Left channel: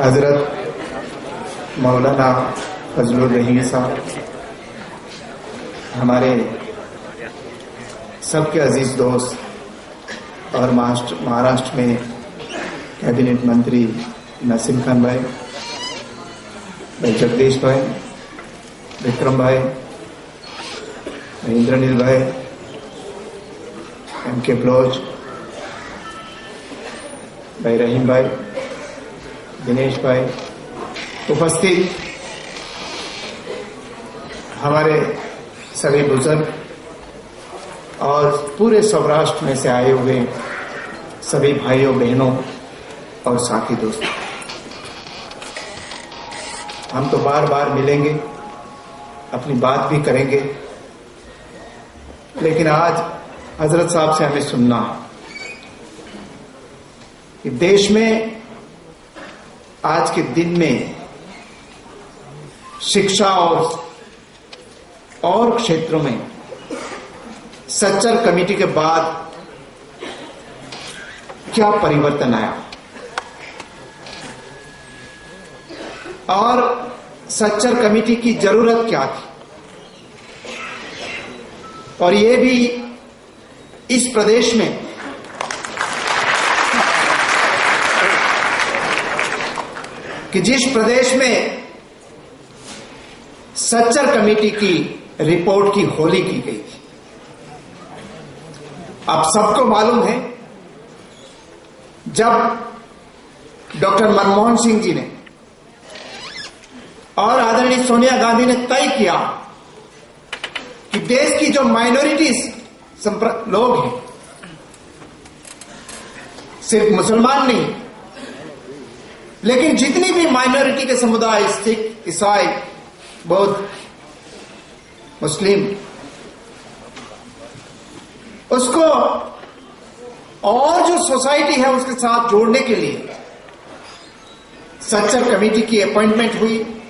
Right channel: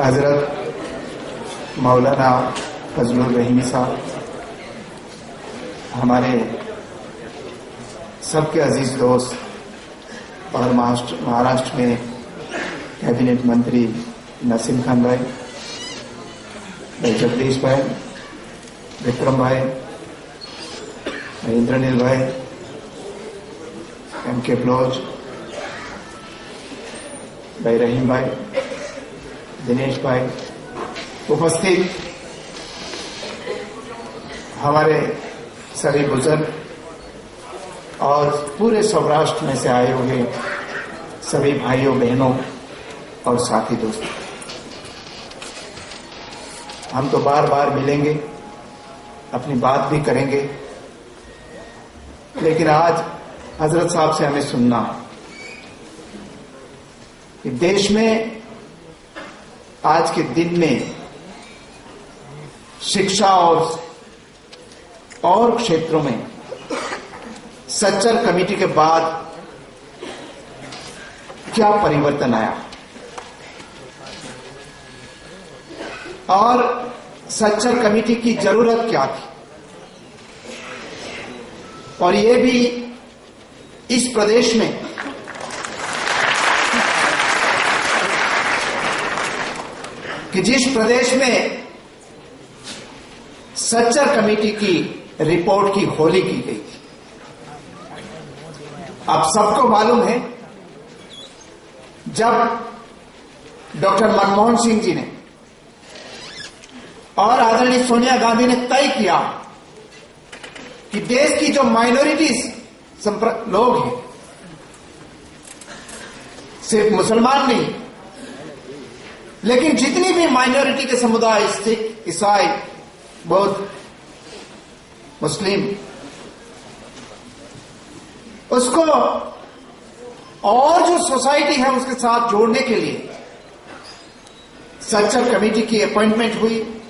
हजरत मौलाना फजलुर रहीम साहब, हमारे सबके अजीज दोस्त और महाराष्ट्र में कैबिनेट मंत्री नसीम खान भाई, जगदीश भाई, विक्रम भाई, इंद्रनील भाई, एम.के. ब्लोच भाई, रहीम भाई, दिनेश भाई, उपस्थित हमारे सभी बुजुर्ग और पूरे सौराष्ट्र में से आए हुए सभी भाइयों बहनों और साथी दोस्तों, हम तो बार बार मिलेंगे, अपनी बात भी करेंगे, लेकिन आज हजरत साहब से हमें सुनना है कि देश में आज के दिन में शिक्षा और क्षेत्रों में सच्चर कमेटी के बाद क्या परिवर्तन आया और सच्चर कमेटी की जरूरत क्या थी, और ये भी इस प्रदेश में कि जिस प्रदेश में सच्चर कमेटी की रिपोर्ट की होली की गई थी। आप सबको मालूम है, जब डॉक्टर मनमोहन सिंह जी ने और आदरणीय सोनिया गांधी ने तय किया कि देश की जो माइनॉरिटीज लोग हैं, सिर्फ मुसलमान नहीं, लेकिन जितनी भी माइनॉरिटी के समुदाय, सिख, ईसाई, बौद्ध, मुस्लिम, उसको और जो सोसाइटी है उसके साथ जोड़ने के लिए सच्चर कमेटी की अपॉइंटमेंट हुई,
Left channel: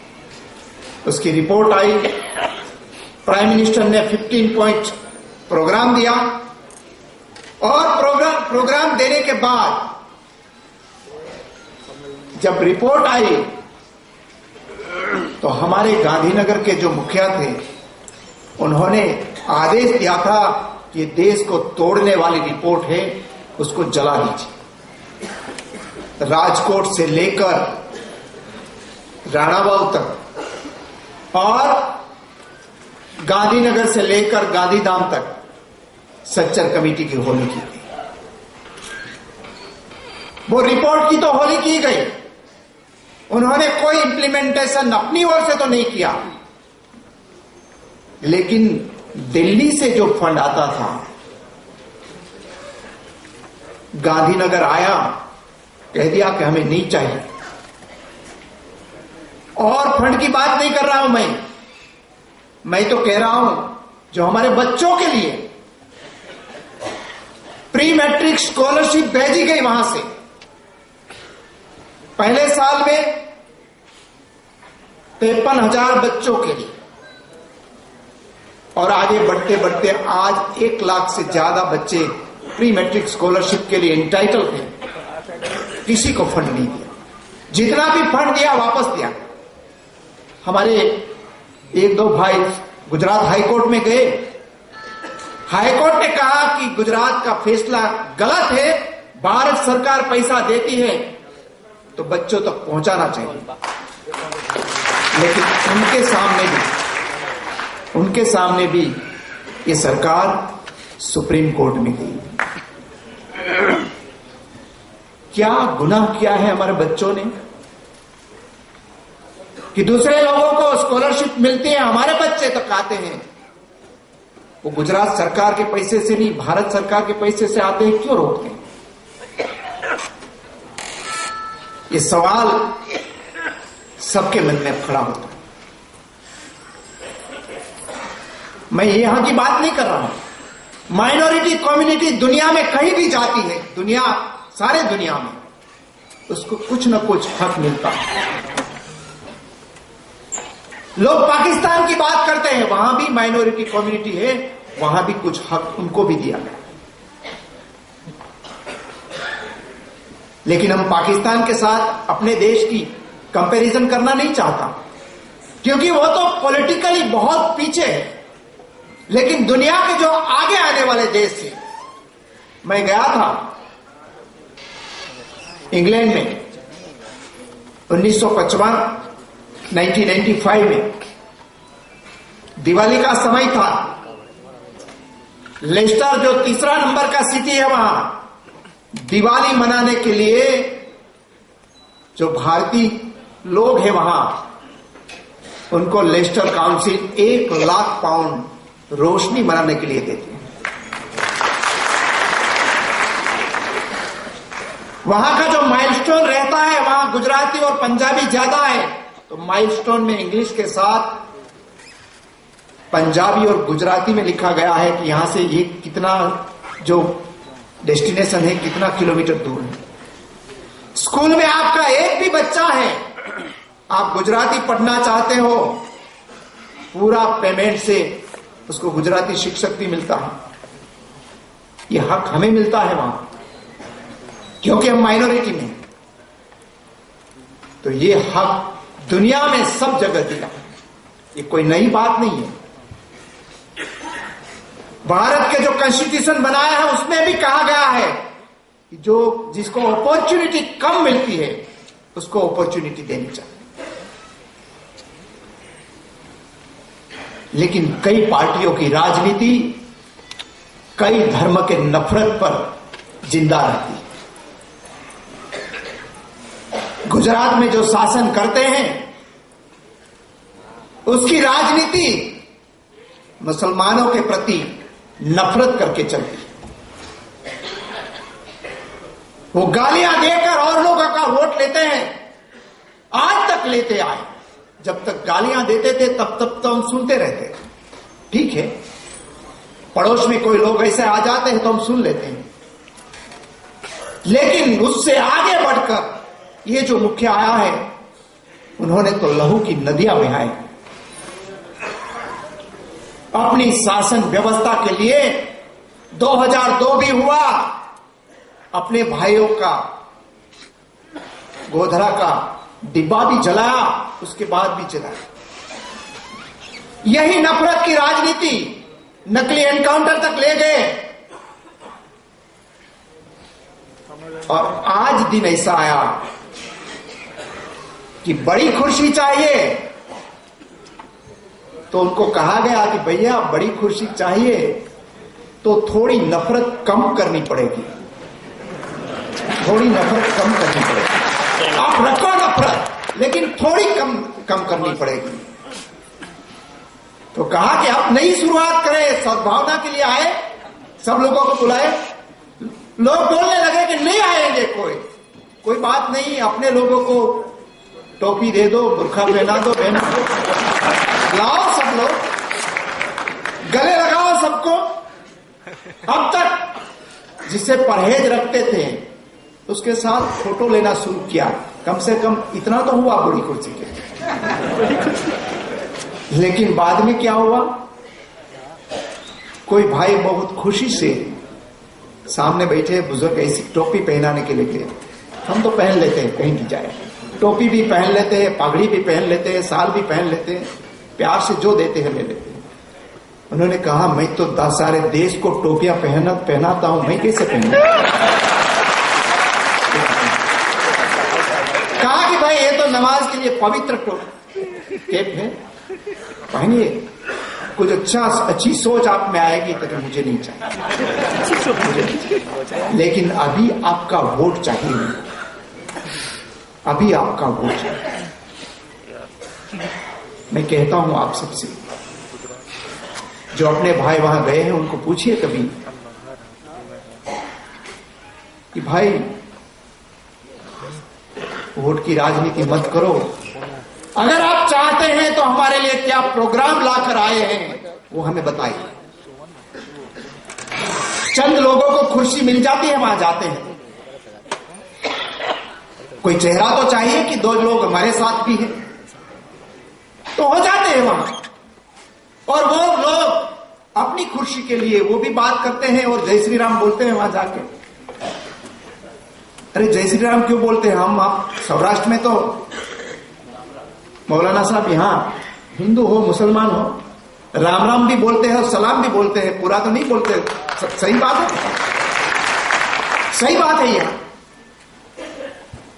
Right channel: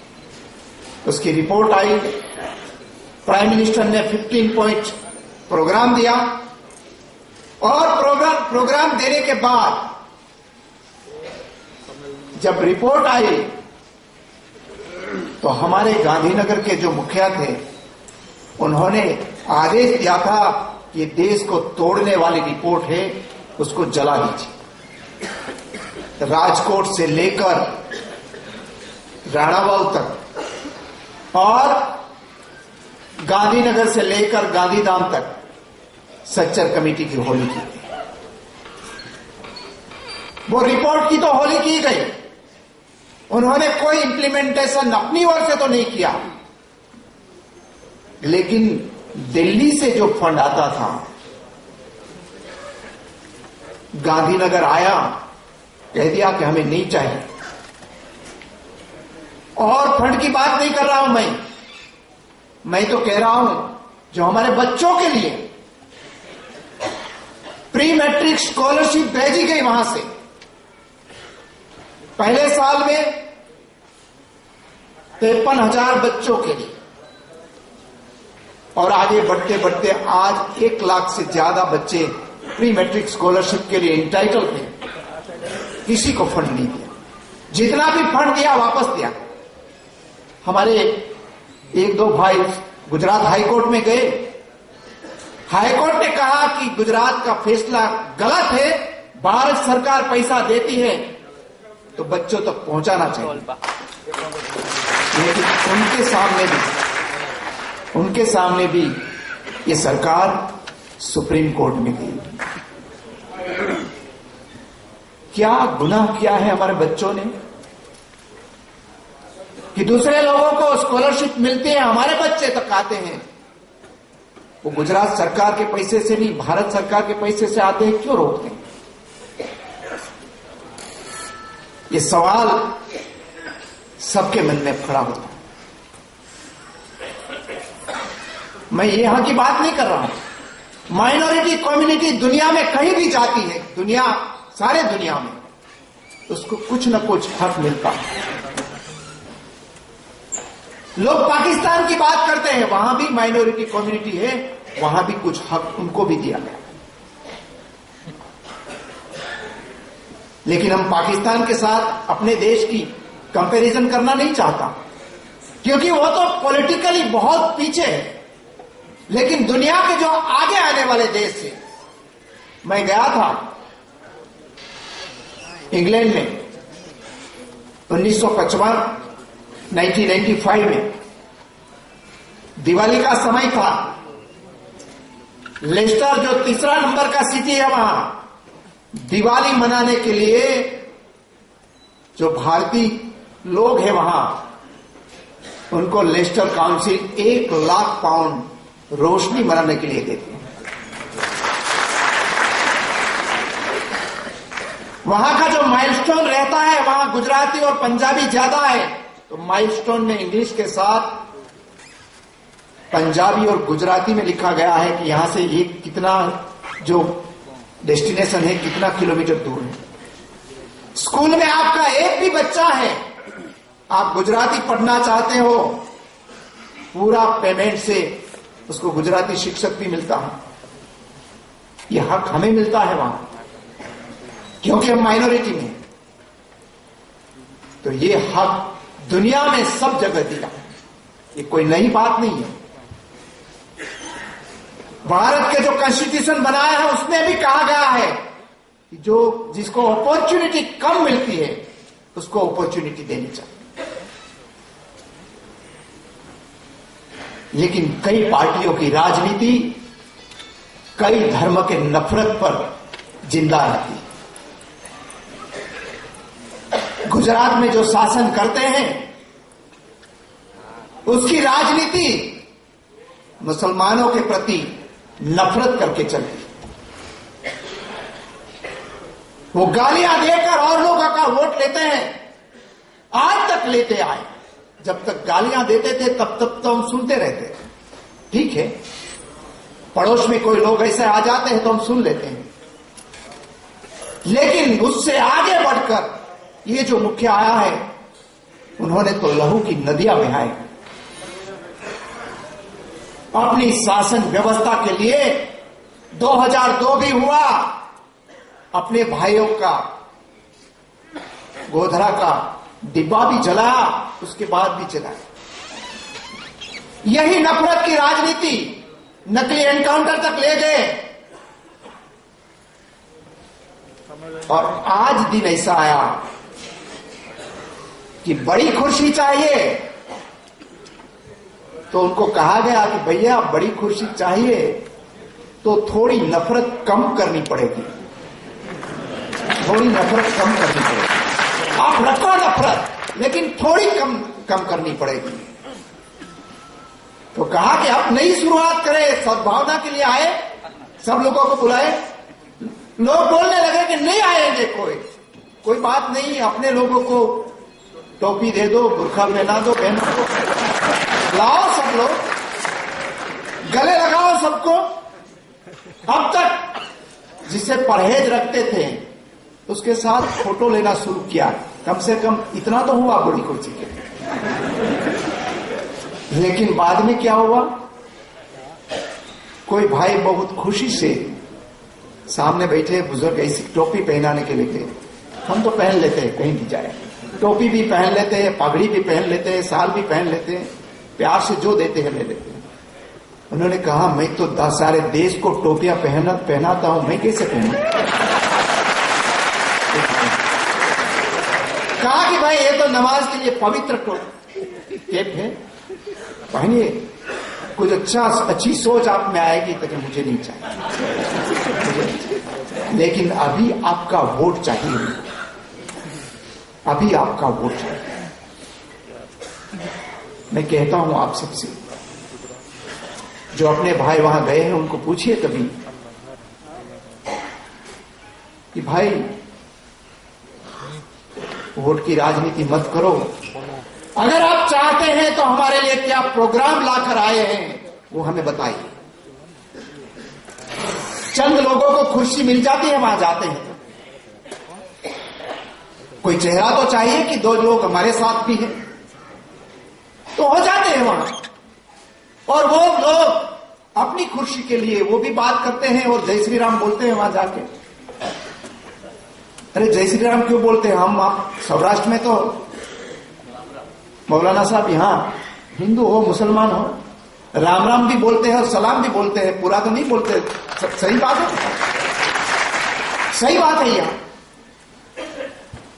उसकी रिपोर्ट आई, प्राइम मिनिस्टर ने 15 पॉइंट प्रोग्राम दिया और प्रोग्राम देने के बाद जब रिपोर्ट आई तो हमारे गांधीनगर के जो मुखिया थे उन्होंने आदेश दिया था कि देश को तोड़ने वाली रिपोर्ट है, उसको जला दीजिए। राजकोट से लेकर राणावाव तक और गांधीनगर से लेकर गांधीधाम तक सच्चर कमेटी की होली की गई। वो रिपोर्ट की तो होली की गई, उन्होंने कोई इंप्लीमेंटेशन अपनी ओर से तो नहीं किया, लेकिन दिल्ली से जो फंड आता था, गांधीनगर आया, कह दिया कि हमें नहीं चाहिए। और फंड की बात नहीं कर रहा हूं मैं तो कह रहा हूं जो हमारे बच्चों के लिए प्री मैट्रिक स्कॉलरशिप भेजी गई वहां से, पहले साल में 53,000 बच्चों के लिए, और आगे बढ़ते बढ़ते आज 1 लाख से ज्यादा बच्चे प्री मैट्रिक स्कॉलरशिप के लिए इंटाइटल थे, किसी को फंड नहीं दिया। जितना भी फंड दिया वापस दिया। हमारे 1-2 भाई गुजरात हाईकोर्ट में गए, हाईकोर्ट ने कहा कि गुजरात का फैसला गलत है, भारत सरकार पैसा देती है तो बच्चों तक पहुंचाना चाहिए। लेकिन उनके सामने भी ये सरकार सुप्रीम कोर्ट में गई। क्या गुनाह किया है हमारे बच्चों ने कि दूसरे लोगों को स्कॉलरशिप मिलती है, हमारे बच्चे तक आते हैं, वो गुजरात सरकार के पैसे से नहीं, भारत सरकार के पैसे से आते हैं, क्यों रोकते हैं? ये सवाल सबके मन में खड़ा होता है। मैं यहां की बात नहीं कर रहा हूं। माइनॉरिटी कम्युनिटी दुनिया में कहीं भी जाती है, सारे दुनिया में उसको कुछ न कुछ हक मिलता है। लोग पाकिस्तान की बात करते हैं, वहां भी माइनॉरिटी कम्युनिटी है, वहां भी कुछ हक उनको भी दिया गया। लेकिन हम पाकिस्तान के साथ अपने देश की कंपैरिजन करना नहीं चाहता, क्योंकि वो तो पॉलिटिकली बहुत पीछे है। लेकिन दुनिया के जो आगे आने वाले देश से मैं गया था इंग्लैंड में 1995 में, दिवाली का समय था। लेस्टर जो तीसरा नंबर का सिटी है, वहां दिवाली मनाने के लिए जो भारतीय लोग हैं वहां, उनको लेस्टर काउंसिल 1 लाख पाउंड रोशनी मनाने के लिए देती है। वहां का जो माइलस्टोन रहता है, वहां गुजराती और पंजाबी ज्यादा है, तो माइलस्टोन में इंग्लिश के साथ पंजाबी और गुजराती में लिखा गया है कि यहां से ये कितना जो डेस्टिनेशन है कितना किलोमीटर दूर है। स्कूल में आपका एक भी बच्चा है, आप गुजराती पढ़ना चाहते हो, पूरा पेमेंट से उसको गुजराती शिक्षक भी मिलता है। ये हक हमें मिलता है वहां, क्योंकि हम माइनॉरिटी में। तो ये हक दुनिया में सब जगह दिया, ये कोई नई बात नहीं है। भारत के जो कॉन्स्टिट्यूशन बनाया है उसमें भी कहा गया है कि जो जिसको अपॉर्चुनिटी कम मिलती है उसको अपॉर्चुनिटी देनी चाहिए। लेकिन कई पार्टियों की राजनीति कई धर्म के नफरत पर जिंदा रहती है। गुजरात में जो शासन करते हैं उसकी राजनीति मुसलमानों के प्रति नफरत करके चलती है। वो गालियां देकर और लोगों का वोट लेते हैं, आज तक लेते आए। जब तक गालियां देते थे तब तक तो हम सुनते रहते थे, ठीक है। पड़ोस में कोई लोग ऐसे आ जाते हैं तो हम सुन लेते हैं। लेकिन उससे आगे बढ़कर ये जो मुखिया आया है, उन्होंने तो लहू की नदियां बहाई। अपनी शासन व्यवस्था के लिए 2002 भी हुआ, अपने भाइयों का गोधरा का डिब्बा भी जलाया, उसके बाद भी जलाया। यही नफरत की राजनीति नकली एनकाउंटर तक ले गए। और आज दिन ऐसा आया कि बड़ी खुशी चाहिए, तो उनको कहा गया कि भैया बड़ी खुशी चाहिए तो थोड़ी नफरत कम करनी पड़ेगी, थोड़ी नफरत कम करनी पड़ेगी। आप रखो नफरत, लेकिन थोड़ी कम करनी पड़ेगी। तो कहा कि आप नई शुरुआत करें, सद्भावना के लिए आए, सब लोगों को बुलाए। लोग बोलने लगे कि नहीं आएंगे, कोई बात नहीं, अपने लोगों को टोपी दे दो, बुर्खा पहना दो, लाओ सब लोग, गले लगाओ सबको। अब तक जिससे परहेज रखते थे उसके साथ फोटो लेना शुरू किया, कम से कम इतना तो हुआ बुरी कुर्सी के। लेकिन बाद में क्या हुआ, कोई भाई बहुत खुशी से सामने बैठे बुजुर्ग ऐसी टोपी पहनाने के लिए, हम तो पहन लेते हैं कहीं भी जाए, टोपी भी पहन लेते हैं, पगड़ी भी पहन लेते हैं, शाल भी पहन लेते हैं, प्यार से जो देते हैं ले लेते हैं। उन्होंने कहा मैं तो सारे देश को टोपियां पहनाता हूं, मैं कैसे पहनूं? कहा कि भाई ये तो नमाज के लिए पवित्र टेप है, पहनिए। कुछ अच्छी सोच आप में आएगी, तो मुझे नहीं चाहिए। लेकिन अभी आपका वोट चाहिए, अभी आपका वोट चाहिए। मैं कहता हूं आप सबसे, जो अपने भाई वहां गए हैं उनको पूछिए कभी कि भाई वोट की राजनीति मत करो। अगर आप चाहते हैं तो हमारे लिए क्या प्रोग्राम लाकर आए हैं वो हमें बताइए। चंद लोगों को खुशी मिल जाती है, वहां जाते हैं, कोई चेहरा तो चाहिए कि 2 लोग हमारे साथ भी हैं, तो हो जाते हैं वहां। और वो लोग अपनी खुशी के लिए वो भी बात करते हैं और जय श्री राम बोलते हैं वहां जाके। अरे जय श्री राम क्यों बोलते हैं हम? आप सौराष्ट्र में तो मौलाना साहब यहां हिंदू हो मुसलमान हो, राम राम भी बोलते हैं और सलाम भी बोलते हैं, पूरा तो नहीं बोलते। सही बात है, सही बात है।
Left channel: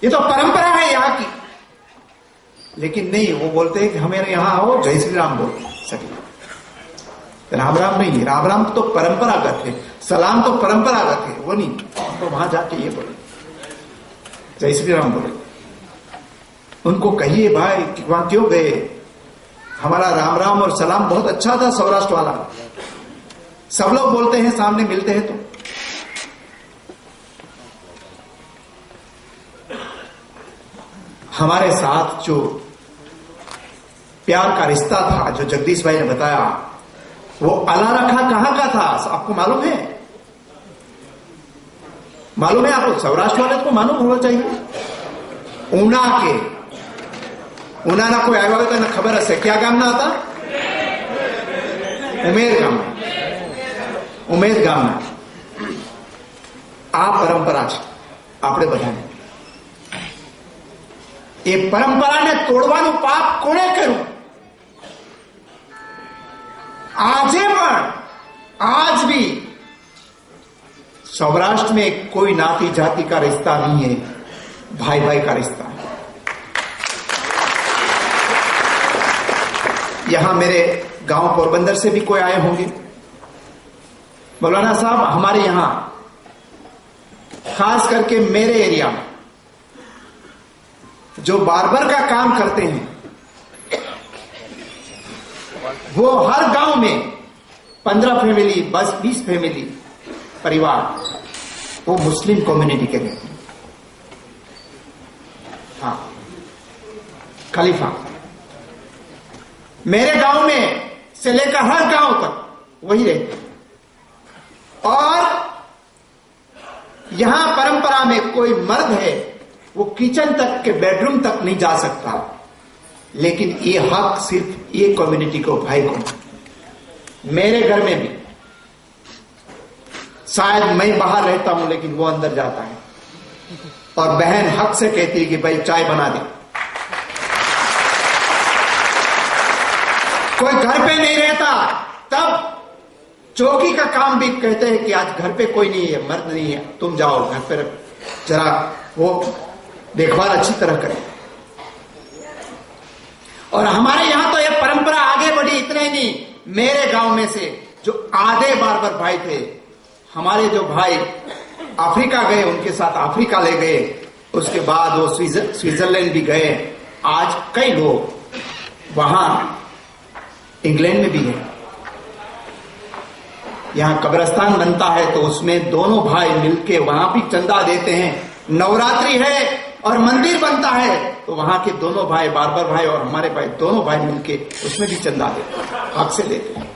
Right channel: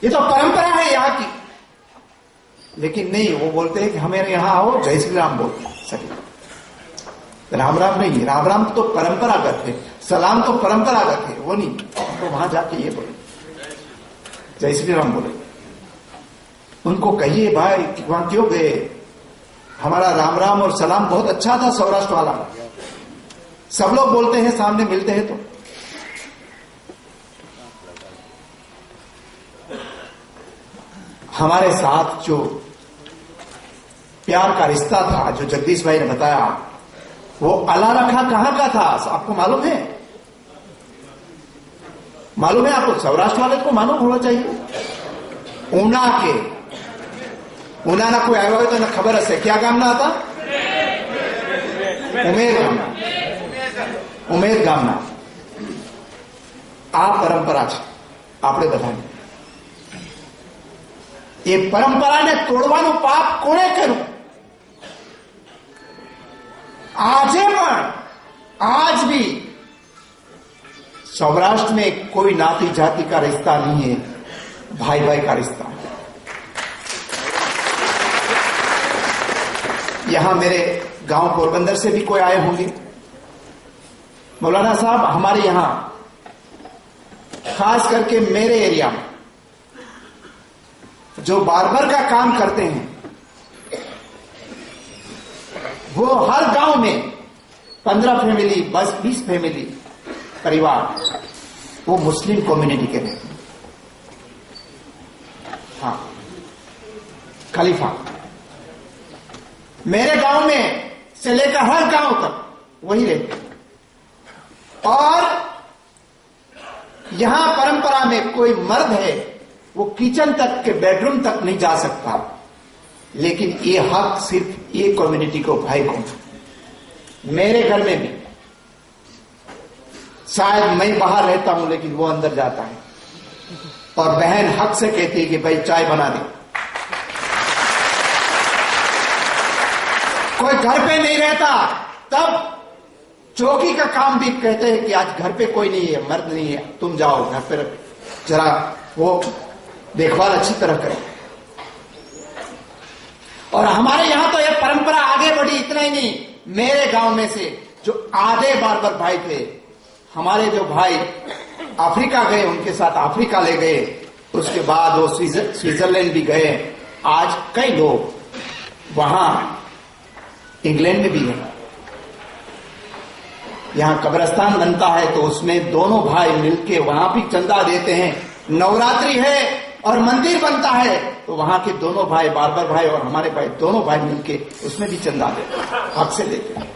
ये तो परंपरा है यहाँ की। लेकिन नहीं, वो बोलते हैं कि हमें यहां आओ जय श्री राम बोलते सही। राम राम नहीं, राम राम तो परंपरागत है, सलाम तो परंपरागत है, वो नहीं। तो वहां जाके ये बोले जय श्री राम बोले। उनको कहिए भाई कि वहां क्यों गए, हमारा राम राम और सलाम बहुत अच्छा था सौराष्ट्र वाला, सब लोग बोलते हैं सामने मिलते हैं तो। हमारे साथ जो प्यार का रिश्ता था, जो जगदीश भाई ने बताया, वो अला रखा कहां का था आपको मालूम है? मालूम है आपको? सौराष्ट्र वाले को मालूम होना चाहिए। ऊना के, ऊना ना कोई आया तो ना खबर है क्या गाम ना आता, उमेर गाम, उमेर गाम ना आ परंपरा છે આપણે બધાને। એ પરંપરાને તોડવાનું પાપ કોણે કર્યું? आज भी सौराष्ट्र में कोई नाती जाति का रिश्ता नहीं है, भाई भाई का रिश्ता है। यहां मेरे गांव पोरबंदर से भी कोई आए होंगे। मौलाना साहब हमारे यहां खास करके मेरे एरिया में जो बार्बर का काम करते हैं, वो हर गांव में 15 फैमिली, 20 फैमिली परिवार वो मुस्लिम कम्युनिटी के रहते हैं। हाँ, खलीफा मेरे गांव में से लेकर हर गांव तक वही रहते हैं। और यहां परंपरा में कोई मर्द है वो किचन तक के बेडरूम तक नहीं जा सकता, लेकिन ये हक सिर्फ ये कम्युनिटी को, भाई को। मेरे घर में भी शायद मैं बाहर रहता हूं लेकिन वो अंदर जाता है, और बहन हक से कहती है कि भाई चाय बना दे। कोई घर पे नहीं रहता तब चौकी का काम भी कहते हैं कि आज घर पे कोई नहीं है, मर्द नहीं है, तुम जाओ घर पे जरा वो देखभाल अच्छी तरह करें। और हमारे यहां तो यह परंपरा आगे बढ़ी। इतना ही नहीं, मेरे गांव में से जो आधे बार्बर भाई थे, हमारे जो भाई अफ्रीका गए उनके साथ अफ्रीका ले गए, उसके बाद वो स्विट्जरलैंड भी गए। आज कई लोग वहां इंग्लैंड में भी हैं। यहां कब्रिस्तान बनता है तो उसमें दोनों भाई मिलके वहां भी चंदा देते हैं। नवरात्रि है और मंदिर बनता है तो वहां के दोनों भाई, बार्बर भाई और हमारे भाई, दोनों भाई मिलके उसमें भी चंदा देते हैं, हक से देते हैं।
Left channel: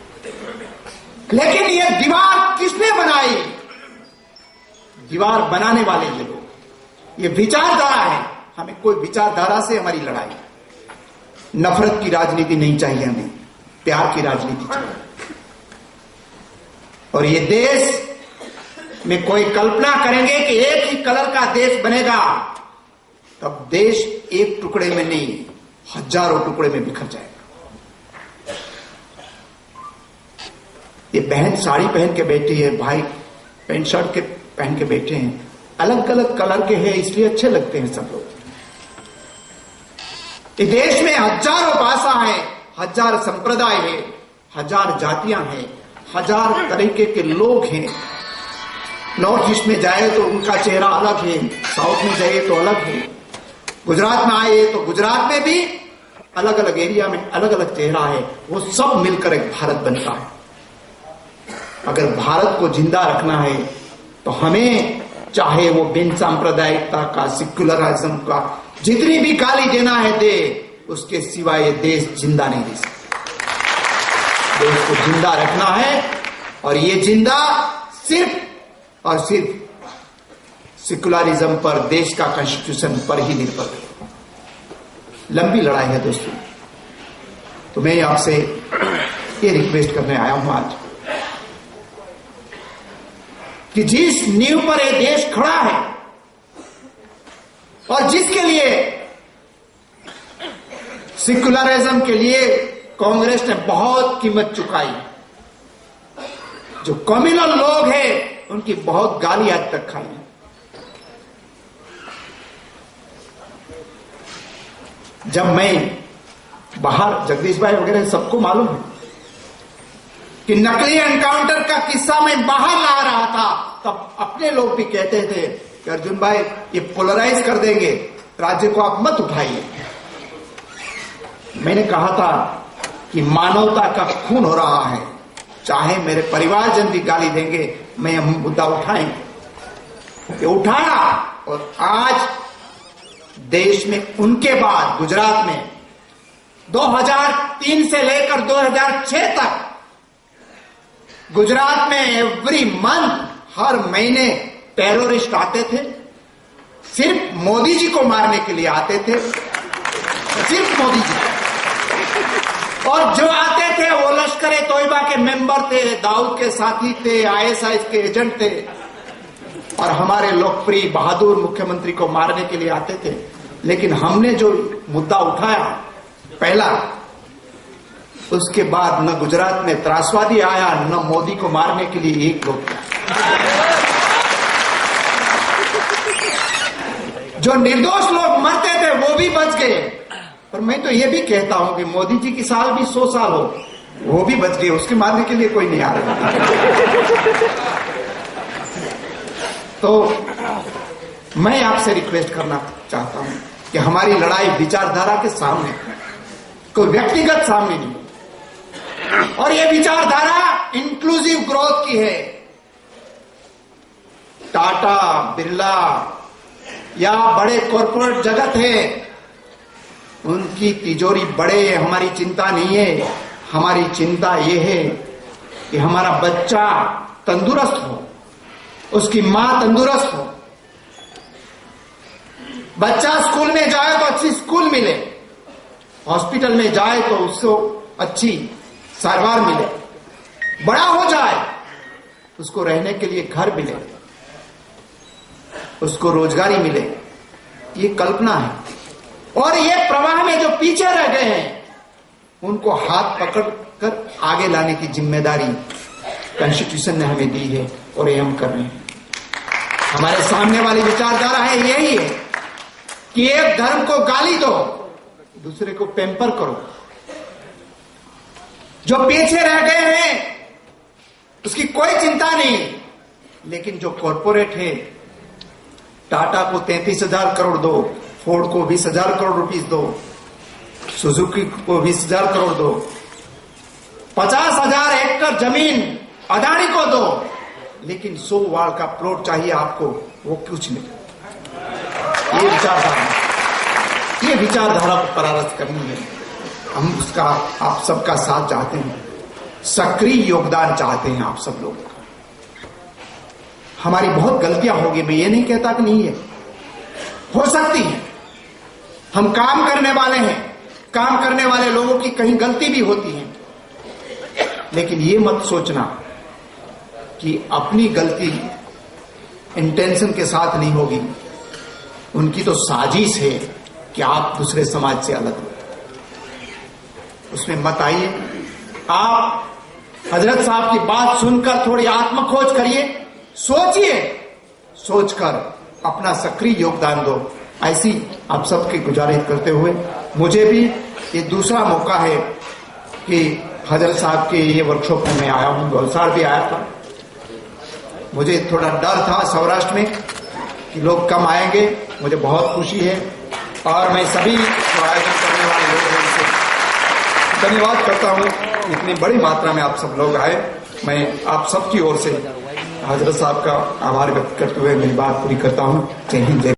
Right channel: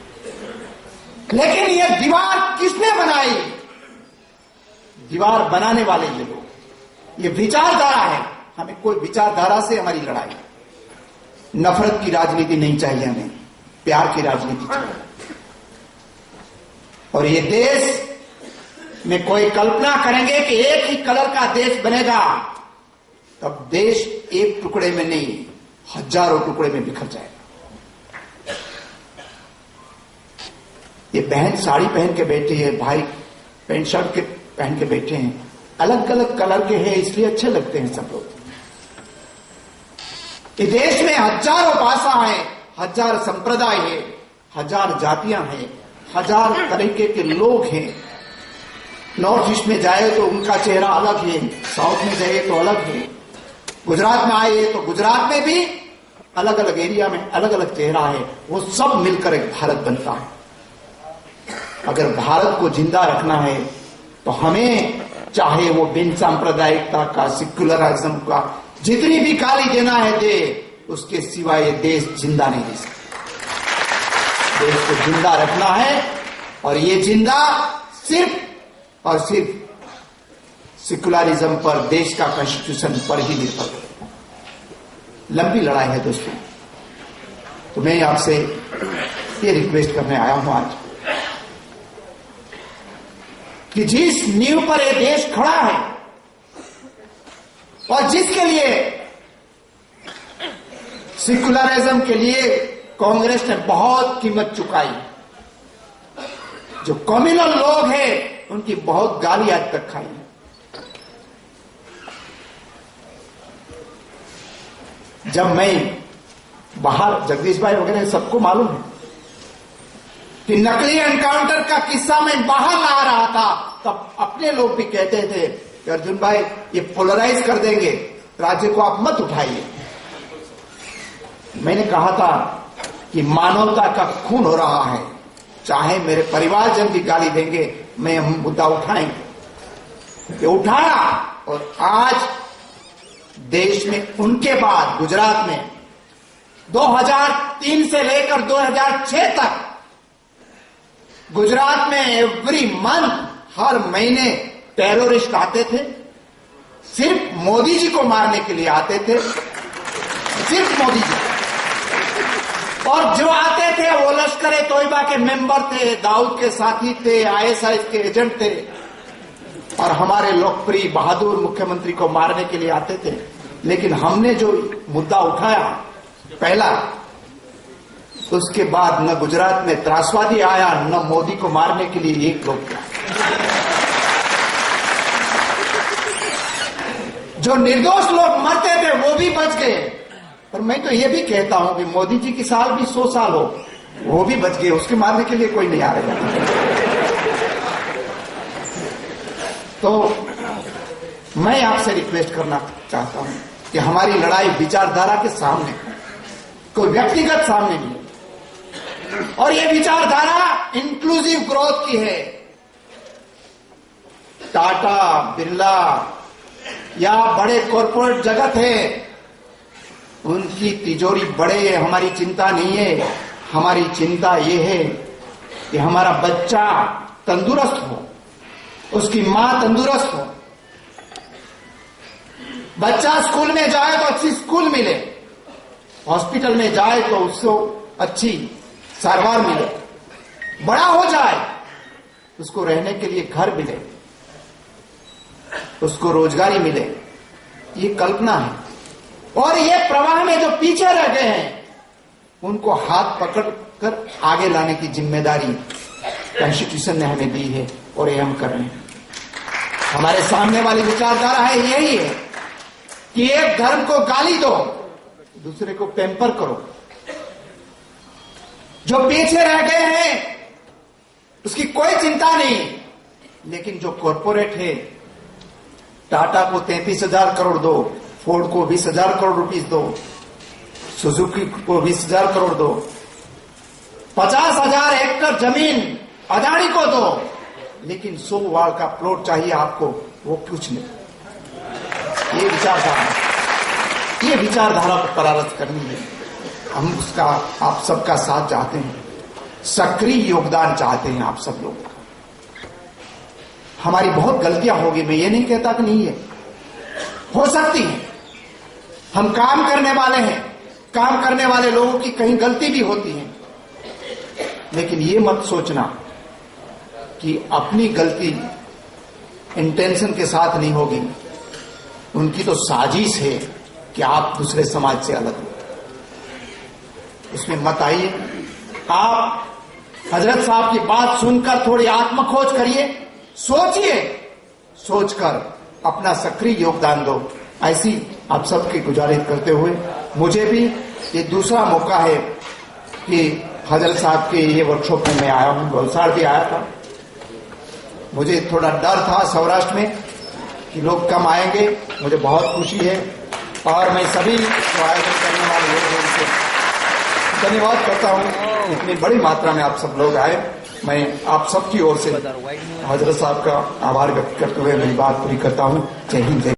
लेकिन ये दीवार किसने बनाई? दीवार बनाने वाले ये लोग। ये विचारधारा है, हमें कोई विचारधारा से हमारी लड़ाई। नफरत की राजनीति नहीं चाहिए हमें, प्यार की राजनीति चाहिए। और ये देश में कोई कल्पना करेंगे कि एक ही कलर का देश बनेगा, तब देश एक टुकड़े में नहीं, हजारों टुकड़े में बिखर जाएगा। ये बहन साड़ी पहन के बैठी है, भाई पैंट शर्ट के पहन के बैठे हैं, अलग अलग कलर के हैं इसलिए अच्छे लगते हैं सब लोग। इस देश में हजारों भाषा है, हजार संप्रदाय है, हजार जातियां हैं, हजार तरीके के लोग हैं। नॉर्थ ईस्ट में जाए तो उनका चेहरा अलग है, साउथ में जाए तो अलग है, गुजरात में आए तो गुजरात में भी अलग अलग एरिया में अलग अलग चेहरा है। वो सब मिलकर एक भारत बनता है। अगर भारत को जिंदा रखना है तो हमें चाहे वो बिन सांप्रदायिकता का, सेक्युलरिज्म का जितनी भी गाली देना है दे, उसके सिवाय ये देश जिंदा नहीं रह सकता। देश को जिंदा रखना है और ये जिंदा सिर्फ और सिर्फ सेक्युलरिज्म पर, देश का कॉन्स्टिट्यूशन पर ही निर्भर है। लंबी लड़ाई है दोस्तों। तो मैं आपसे ये रिक्वेस्ट करने आया हूं आज कि जिस नींव पर ये देश खड़ा है और जिसके लिए सेकुलरिज्म के लिए कांग्रेस ने बहुत कीमत चुकाई। जो कम्युनल लोग हैं उनकी बहुत गाली आज तक खाई है। जब मैं बाहर, जगदीश भाई वगैरह सबको मालूम है कि नकली एनकाउंटर का किस्सा मैं बाहर ला रहा था, तब अपने लोग भी कहते थे कि अर्जुन भाई ये पोलराइज कर देंगे, राज्य को आप मत उठाइए। मैंने कहा था कि मानवता का खून हो रहा है, चाहे मेरे परिवारजन की गाली देंगे, मैं यह मुद्दा उठाएंगे। ये उठाया और आज देश में उनके बाद गुजरात में 2003 से लेकर 2006 तक गुजरात में एवरी मंथ, हर महीने टेररिस्ट आते थे, सिर्फ मोदी जी को मारने के लिए आते थे, सिर्फ मोदी जी। और जो आते थे वो लश्कर-ए तोयबा के मेंबर थे, दाऊद के साथी थे, आईएसआई के एजेंट थे और हमारे लोकप्रिय बहादुर मुख्यमंत्री को मारने के लिए आते थे। लेकिन हमने जो मुद्दा उठाया पहला, उसके बाद न गुजरात में त्रासवादी आया, न मोदी को मारने के लिए एक लोग आया। जो निर्दोष लोग मरते थे वो भी बच गए। और मैं तो ये भी कहता हूं कि मोदी जी की साल भी 100 साल हो, वो भी बच गए, उसके मारने के लिए कोई नहीं आ रहा। तो मैं आपसे रिक्वेस्ट करना चाहता हूं कि हमारी लड़ाई विचारधारा के सामने, कोई व्यक्तिगत सामने नहीं। और ये विचारधारा इंक्लूसिव ग्रोथ की है। टाटा, बिरला या बड़े कॉर्पोरेट जगत है, उनकी तिजोरी बड़े, हमारी चिंता नहीं है। हमारी चिंता ये है कि हमारा बच्चा तंदुरुस्त हो, उसकी मां तंदुरुस्त हो, बच्चा स्कूल में जाए तो अच्छी स्कूल मिले, हॉस्पिटल में जाए तो उसको अच्छी सारवार मिले, बड़ा हो जाए उसको रहने के लिए घर मिले, उसको रोजगारी मिले। ये कल्पना है। और ये प्रवाह में जो पीछे रह गए हैं उनको हाथ पकड़कर आगे लाने की जिम्मेदारी कॉन्स्टिट्यूशन ने हमें दी है और ये हम कर रहे हैं। हमारे सामने वाली विचारधारा है यही है कि एक धर्म को गाली दो, दूसरे को पैम्पर करो। जो पीछे रह गए हैं उसकी कोई चिंता नहीं, लेकिन जो कॉरपोरेट है, टाटा को 33,000 करोड़ दो, फोर्ड को 20,000 करोड़ रुपीस दो, सुजुकी को 20,000 करोड़ दो, 50,000 एकड़ जमीन अदानी को दो, लेकिन 100 वार्ड का प्लॉट चाहिए आपको, वो कुछ नहीं। ये विचारधारा को परास्त करनी है। हम उसका, आप सबका साथ चाहते हैं, सक्रिय योगदान चाहते हैं आप सब लोग। हमारी बहुत गलतियां होगी, मैं ये नहीं कहता कि नहीं है, हो सकती है। हम काम करने वाले हैं, काम करने वाले लोगों की कहीं गलती भी होती है, लेकिन ये मत सोचना कि अपनी गलती इंटेंशन के साथ नहीं होगी। उनकी तो साजिश है कि आप दूसरे समाज से अलग हो, उसमें मत आइए। आप हजरत साहब की बात सुनकर थोड़ी आत्मखोज करिए, सोचिए, सोचकर अपना सक्रिय योगदान दो, ऐसी आप सबकी गुजारिश करते हुए मुझे भी ये दूसरा मौका है कि हजरत साहब के ये वर्कशॉप में मैं आया हूं, वलसाड़ भी आया था। मुझे थोड़ा डर था सौराष्ट्र में कि लोग कम आएंगे, मुझे बहुत खुशी है और मैं सभी आयोजन करने वाले लोगों से धन्यवाद करता हूं। इतनी बड़ी मात्रा में आप सब लोग आए, मैं आप सबकी ओर से हजरत साहब का आभार व्यक्त करते हुए मेरी बात पूरी करता हूं। जय हिंद, जय